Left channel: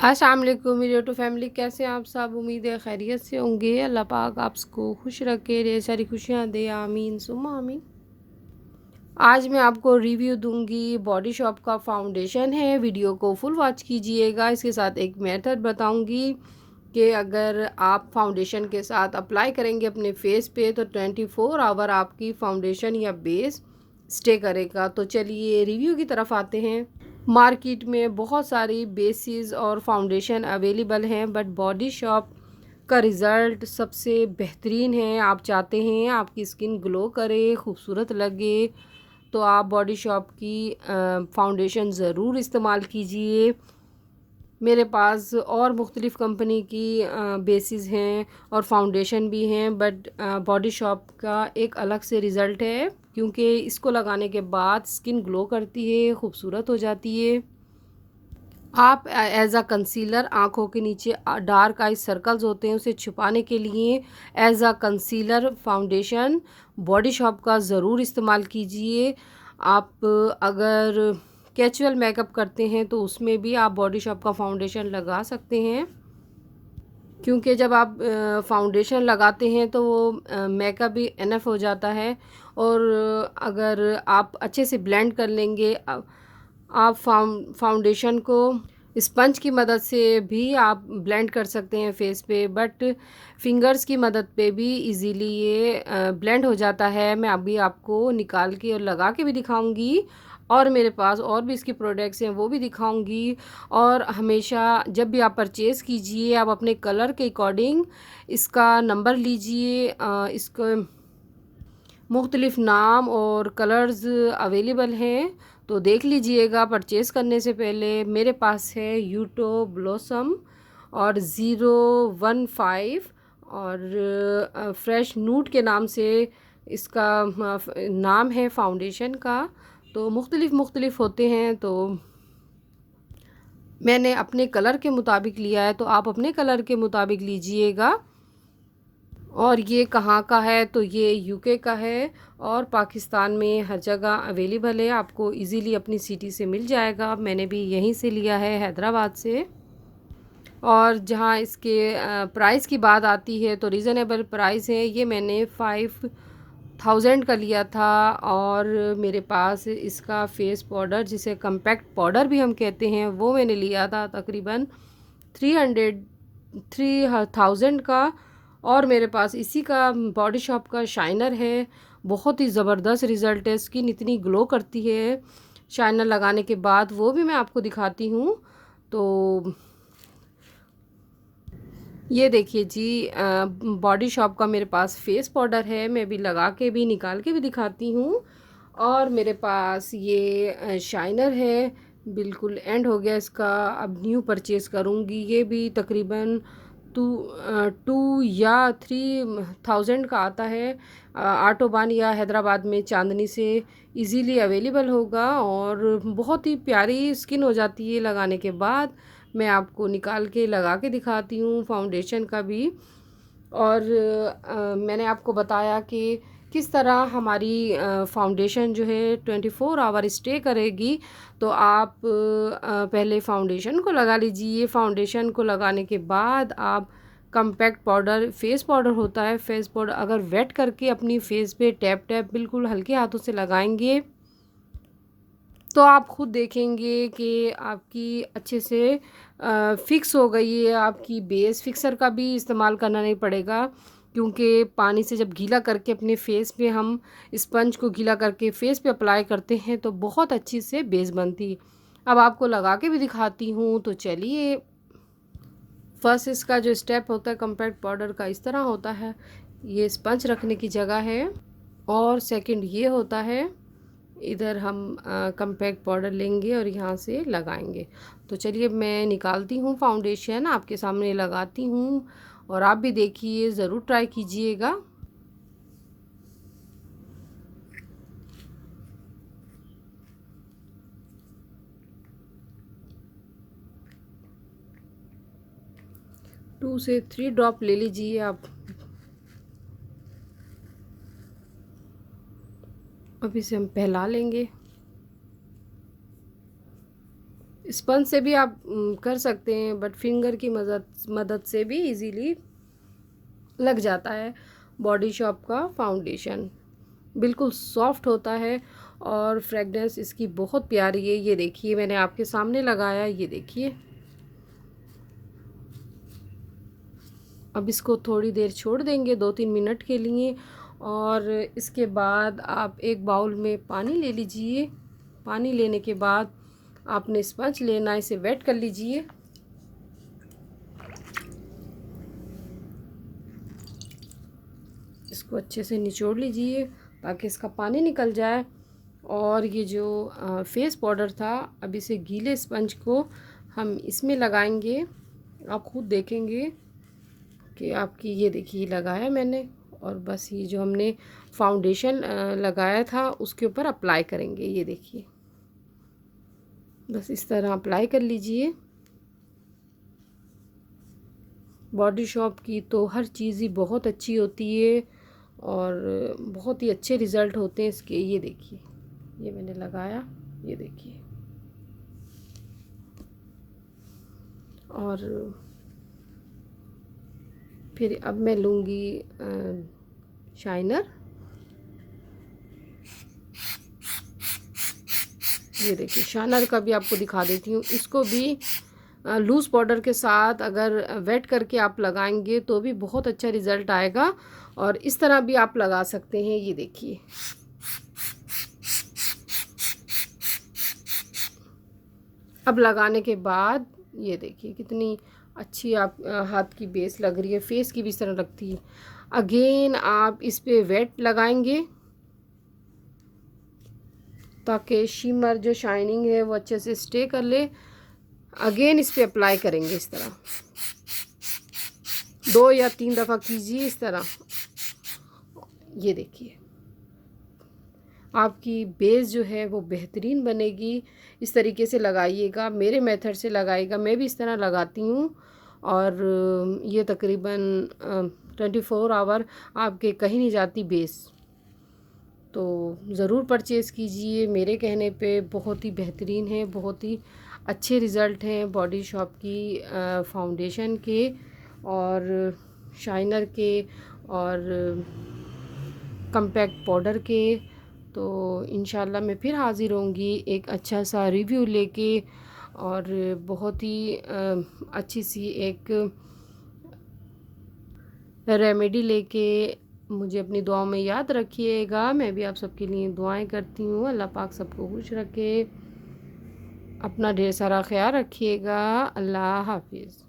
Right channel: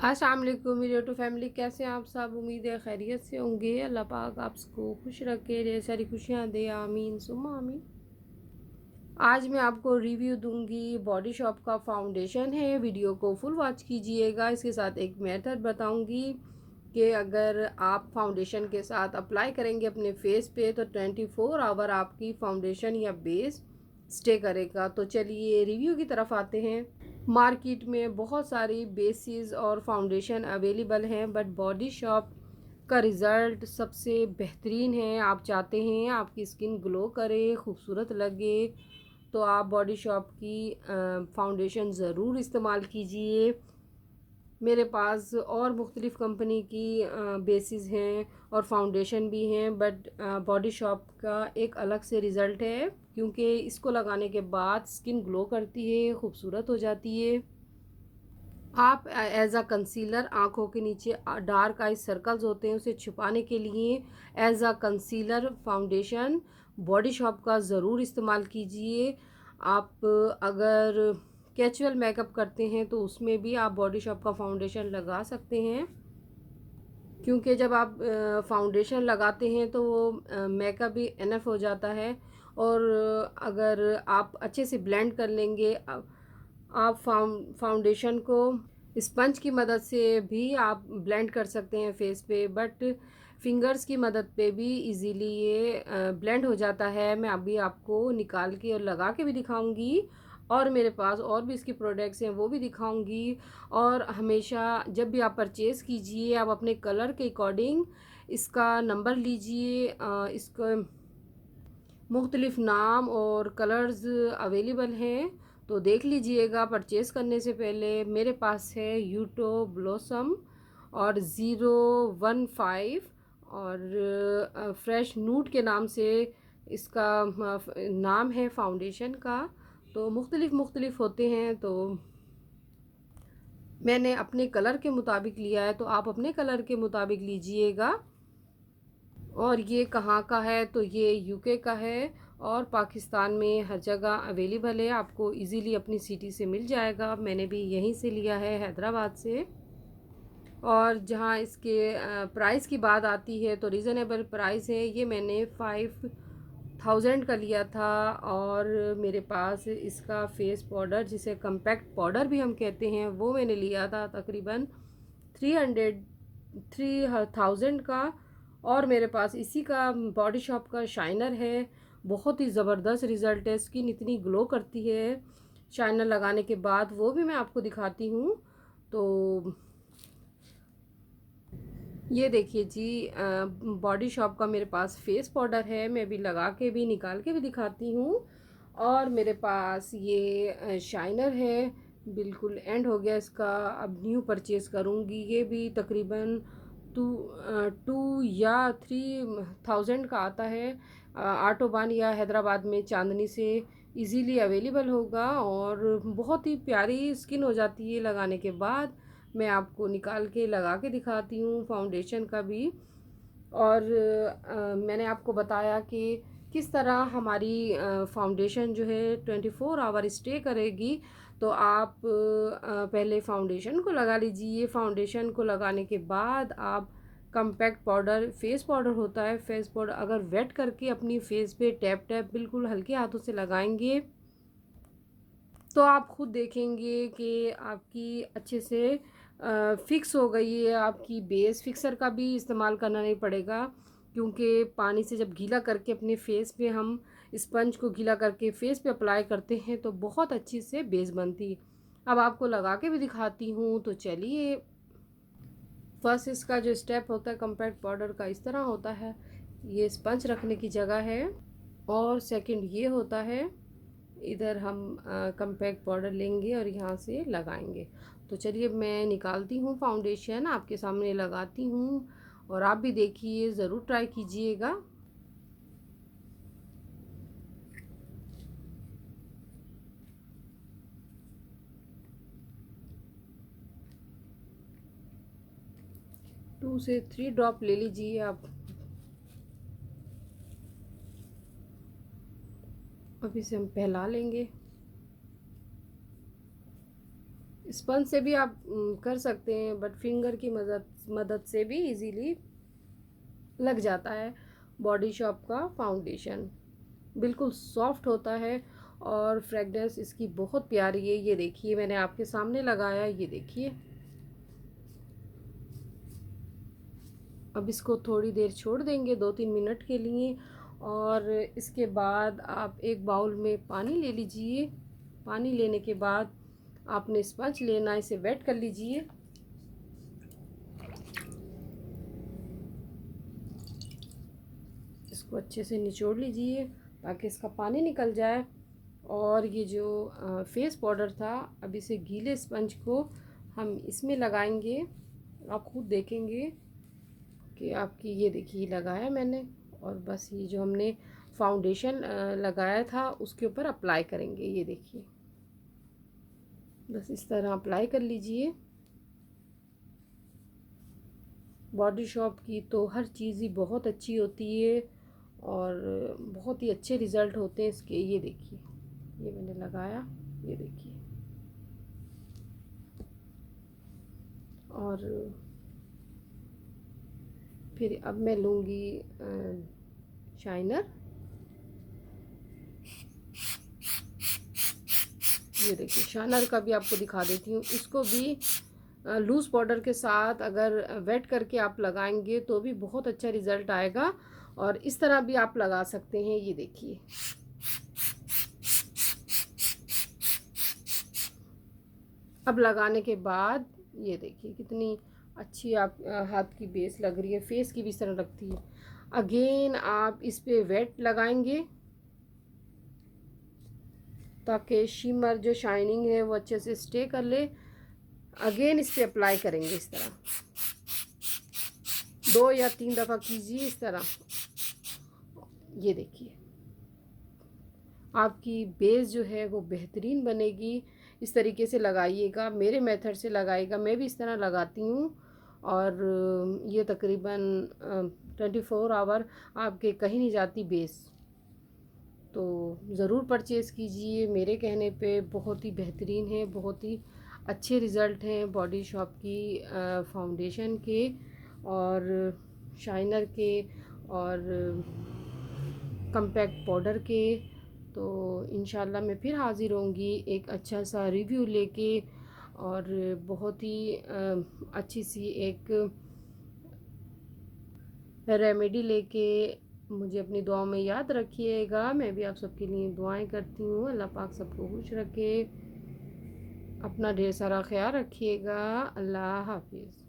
अस्सलाम वालेकुम मेरी यूट्यूब फैमिली, कैसे हैं आप सब। उम्मीद है खैरियत से होंगे। अल्लाह पाक आपको खुश रखे, ढेर सारी खुशियाँ दे, आमीन सुम्मा आमीन। आज मैं आपको रिव्यू दूंगी बॉडी शॉप का फाउंडेशन है। वीडियो को फुल वॉच कीजिएगा। इसके साथ एक मेथड बताऊंगी कि अगर आप फाउंडेशन के साथ अप्लाई करेंगे अपने फेस पे तो 24 आवर आपकी फाउंडेशन या बेस स्टे करेगा। तो चलिए रिव्यू की तरफ आते हैं। मार्केट में बहुत सारी बेसिस और फाउंडेशन अवेलेबल हैं, बट बॉडी शॉप का रिज़ल्ट सबसे बेहतरीन है। आप चाहते हैं आपकी स्किन ग्लो करे, खूबसूरत लगे, तो आप बॉडी शॉप की फाउंडेशन ज़रूर इस्तेमाल कीजिए। मेरे पास और मुख्तलिफ़ कंपनी की बेसिस हैं और फाउंडेशन भी हैं, बट बॉडी शॉप का एक अलग से रिज़ल्ट है क्योंकि इसको लगाने के बाद स्किन ग्लो करती है, खूबसूरत हो जाती है। आप एज अ कंसीलर आँखों के नीचे डार्क आई सर्कल्स होते हैं उसे छुपाने के लिए as a concealer foundation Body Shop का ज़रूर इस्तेमाल कीजिए। आप अगर कैजुअल मेकअप करते हैं तो उसमें भी आप बॉडी शॉप का फाउंडेशन लगा सकते हैं, क्योंकि जब आप फाउंडेशन लगाते हैं तो वो मेकअप भी इनफ हो जाता है। और अगर आप अच्छे से ब्लेंड कर लेंगे, आप फाउंडेशन को स्पंज की मदद से भी आप ब्लेंड कर सकते हैं फेस पे, बट फिंगर्स की मदद पे भी इजीली ये ब्लेंड हो जाता है। मैं अभी आपको निकाल के और लगा के भी दिखाऊंगी, और मेरे पास और भी इसकी प्रोडक्ट्स हैं वो भी दिखाऊंगी। और हमेशा जब भी आप परचेज़ कीजिए आप अपने कलर के अकॉर्डिंग इसका नंबर लीजिए। इसको मुख्तलिफ़ नाम और कलर्स अवेलेबल हैं, तो देख लीजिएगा परचेज़ करने से पहले। मेरे पास है यूटो ब्लॉसम और 015 और फ्रेश नूट के नाम से इसका नाम है फाउंडेशन का। तो मुख्तलिफ़ होते हैं, तो मैंने अपने कलर के मुताबिक लिया है, तो आप अपने कलर के मुताबिक लीजिएगा। और ये कहाँ का है, तो ये यूके का है और पाकिस्तान में हर जगह अवेलेबल है, आपको इजीली अपनी सिटी से मिल जाएगा। मैंने भी यहीं से लिया है, हैदराबाद से। और जहाँ इसके प्राइस की बात आती है तो रीज़नेबल प्राइस है। ये मैंने 5000 का लिया था, और मेरे पास इसका फेस पाउडर जिसे कम्पैक्ट पाउडर भी हम कहते हैं वो मैंने लिया था तकरीबन 3000 का। और मेरे पास इसी का बॉडी शॉप का शाइनर है। बहुत ही ज़बरदस्त रिज़ल्ट है, स्किन इतनी ग्लो करती है शाइनर लगाने के बाद, वो भी मैं आपको दिखाती हूँ। तो ये देखिए जी, बॉडी शॉप का मेरे पास फेस पाउडर है, मैं भी लगा के भी निकाल के भी दिखाती हूँ। और मेरे पास ये शाइनर है, बिल्कुल एंड हो गया इसका, अब न्यू परचेज़ करूँगी। ये भी तकरीबन 2 या 3 थाउजेंड का आता है। आटोबान या हैदराबाद में चांदनी से इजीली अवेलेबल होगा, और बहुत ही प्यारी स्किन हो जाती है लगाने के बाद। मैं आपको निकाल के लगा के दिखाती हूँ फाउंडेशन का भी। और मैंने आपको बताया कि किस तरह हमारी फाउंडेशन जो है 24 आवर स्टे करेगी। तो आप पहले फाउंडेशन को लगा लीजिए। फाउंडेशन को लगाने के बाद आप कम्पैक्ट पाउडर, फेस पाउडर होता है, फेस पाउडर अगर वेट करके अपनी फेस पे टैप टैप बिल्कुल हल्के हाथों से लगाएंगे तो आप खुद देखेंगे कि आपकी अच्छे से फिक्स हो गई है। आपकी बेस फिक्सर का भी इस्तेमाल करना नहीं पड़ेगा, क्योंकि पानी से जब गीला करके अपने फेस पे हम स्पंज को गीला करके फेस पे अप्लाई करते हैं तो बहुत अच्छी से बेस बनती है। अब आपको लगा के भी दिखाती हूँ, तो चलिए। फर्स्ट इसका जो स्टेप होता है कम्पैक्ट पाउडर का इस तरह होता है, ये स्पंज रखने की जगह है। और सेकंड ये होता है, इधर हम कम्पैक्ट पाउडर लेंगे और यहाँ से लगाएंगे। तो चलिए मैं निकालती हूँ फाउंडेशन, आपके सामने लगाती हूँ, और आप भी देखिए, ज़रूर ट्राई कीजिएगा। टू से थ्री ड्रॉप ले लीजिए आप। अब इसे हम फैला लेंगे। स्पंज से भी आप कर सकते हैं, बट फिंगर की मदद मदद से भी इजीली लग जाता है। बॉडी शॉप का फाउंडेशन बिल्कुल सॉफ्ट होता है और फ्रेगनेंस इसकी बहुत प्यारी है। ये देखिए मैंने आपके सामने लगाया, ये देखिए। अब इसको थोड़ी देर छोड़ देंगे, 2-3 मिनट के लिए, और इसके बाद आप एक बाउल में पानी ले लीजिए। पानी लेने के बाद आपने स्पंज लेना, इसे वेट कर लीजिए। इसको अच्छे से निचोड़ लीजिए ताकि इसका पानी निकल जाए। और ये जो फेस पाउडर था, अब इसे गीले स्पंज को हम इसमें लगाएंगे। आप खुद देखेंगे कि आपकी, ये देखिए लगाया मैंने, और बस ये जो हमने फाउंडेशन लगाया था उसके ऊपर अप्लाई करेंगे। ये देखिए बस इस तरह अप्लाई कर लीजिए। बॉडी शॉप की तो हर चीज़ ही बहुत अच्छी होती है और बहुत ही अच्छे रिज़ल्ट होते हैं इसके। ये देखिए ये मैंने लगाया, ये देखिए। और फिर अब मैं लूँगी शाइनर। ये देखिए शाइनर का भी आपको दिखा देती हूँ। इसको भी लूज़ पाउडर के साथ अगर वेट करके आप लगाएंगे तो भी बहुत अच्छा रिज़ल्ट आएगा, और इस तरह भी आप लगा सकते हैं। ये देखिए अब लगाने के बाद ये देखिए कितनी अच्छी आप हाथ की बेस लग रही है, फेस की भी इस तरह लगती है। अगेन आप इस पे वेट लगाएंगे ताकि शिमर जो शाइनिंग है वो अच्छे से स्टे कर ले। अगेन इस पे अप्लाई करेंगे इस तरह, 2 या 3 दफ़ा कीजिए इस तरह। ये देखिए आपकी बेस जो है वो बेहतरीन बनेगी। इस तरीके से लगाइएगा, मेरे मेथड से लगाइएगा, मैं भी इस तरह लगाती हूँ। और ये तकरीबन 24 आवर आपके कहीं नहीं जाती बेस। तो ज़रूर परचेज़ कीजिए, मेरे कहने पे बहुत ही बेहतरीन है, बहुत ही अच्छे रिज़ल्ट हैं बॉडी शॉप की फाउंडेशन के और शाइनर के और कम्पैक्ट पाउडर के। तो इंशाल्लाह मैं फिर हाज़िर होंगी एक अच्छा सा रिव्यू लेके, और बहुत ही अच्छी सी एक रेमेडी लेके। मुझे अपनी दुआओं में याद रखिएगा, मैं भी आप सबके लिए दुआएं करती हूँ। अल्लाह पाक सबको खुश रखे, अपना ढेर सारा ख्याल रखिएगा। अल्लाह हाफिज़।